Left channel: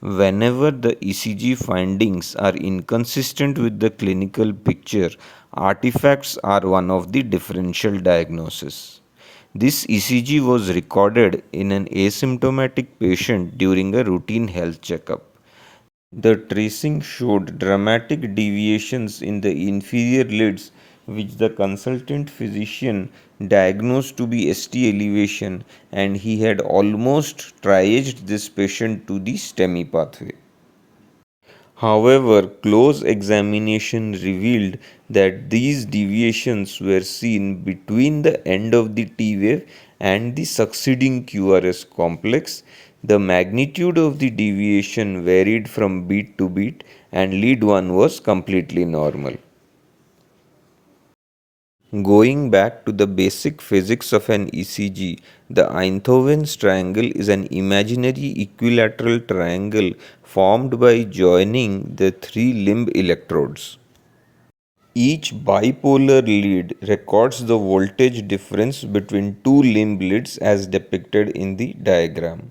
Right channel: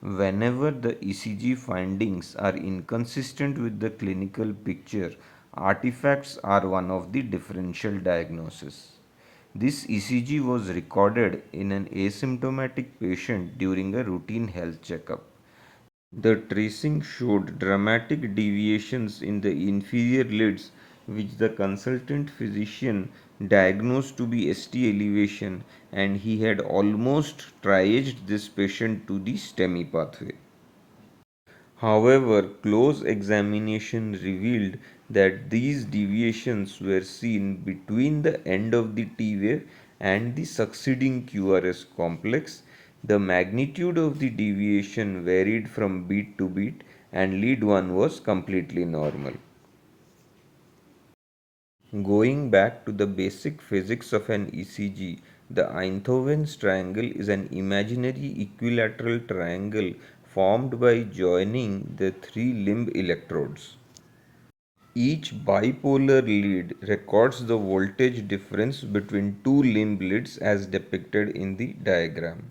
Whenever the ECG findings are inconsistent with the clinical picture, artifacts are one of the differential diagnoses. This ECG was recorded in an asymptomatic patient during a routine health checkup. The tracing showed dramatic deviations in the inferior lids, which the consultant physician diagnosed to be ST elevation, and he had almost triaged this patient to the STEMI pathway. However, close examination revealed that these deviations were seen between the end of the T wave and the succeeding QRS complex. The magnitude of the deviation varied from beat to beat, and lead 1 was completely normal. Going back to the basic physics of an ECG, the Einthoven's triangle is an imaginary equilateral triangle formed by joining the three limb electrodes. Each bipolar lead records the voltage difference between two limb leads as depicted in the diagram.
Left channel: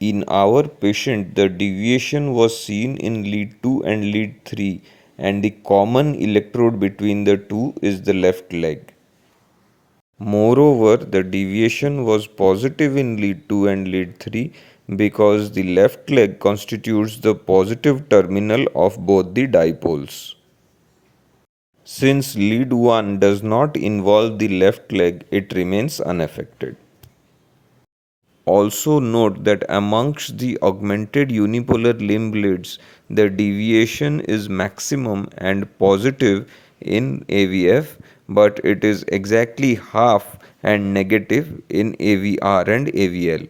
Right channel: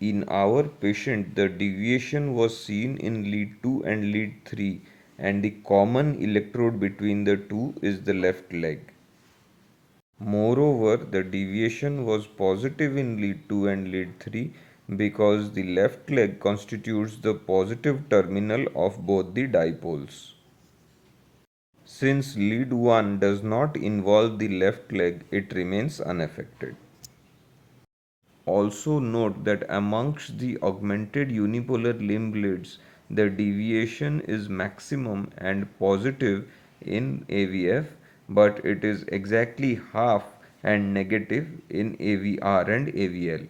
In our patient, the deviation was seen in lead 2 and lead 3, and the common electrode between the two is the left leg. Moreover, the deviation was positive in lead 2 and lead 3 because the left leg constitutes the positive terminal of both the dipoles. Since lead 1 does not involve the left leg, it remains unaffected. Also note that amongst the augmented unipolar limb leads, the deviation is maximum and positive in AVF, but it is exactly half and negative in AVR and AVL.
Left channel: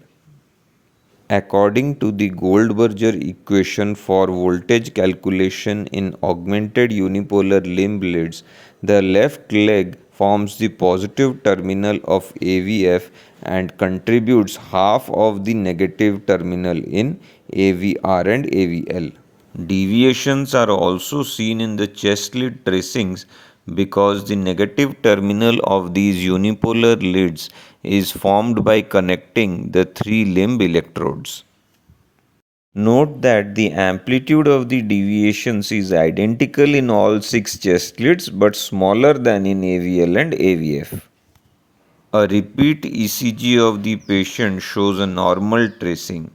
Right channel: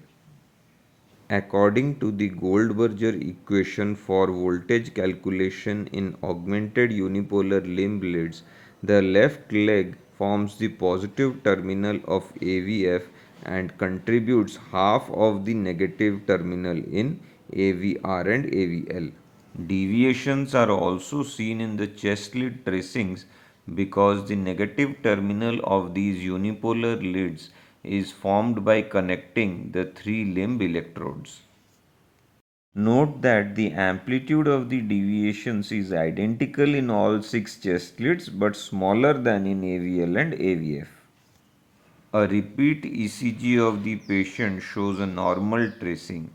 According to the Goldberger equation for voltage calculation in augmented unipolar limb leads, the left leg forms the positive terminal of AVF and contributes half of the negative terminal in AVR and AVL. Deviations are also seen in the chest lid tracings because the negative terminal of these unipolar leads is formed by connecting the three limb electrodes. Note that the amplitude of the deviations is identical in all six chest leads but smaller than in AVL and AVF. A repeat ECG of the patient shows a normal tracing.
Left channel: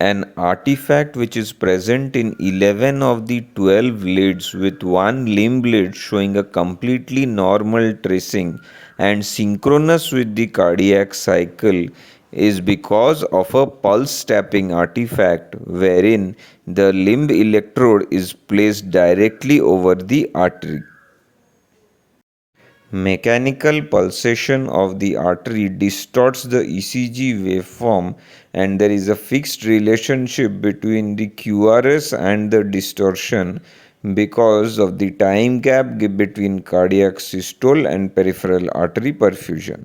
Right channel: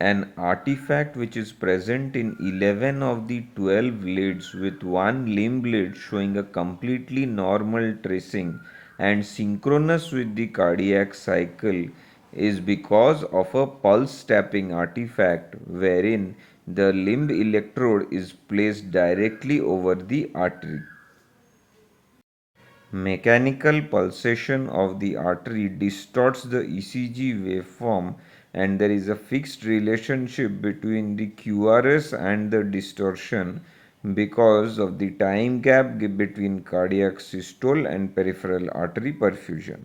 An artifact which is present in 11 of the 12 leads with one limb lead showing a completely normal tracing and synchronous with the cardiac cycle is because of a pulse tapping artifact wherein the limb electrode is placed directly over the artery. Mechanical pulsation of the artery distorts the ECG waveform, and there is a fixed relationship between the QRS and the distortion because of the time gap between cardiac systole and peripheral artery perfusion.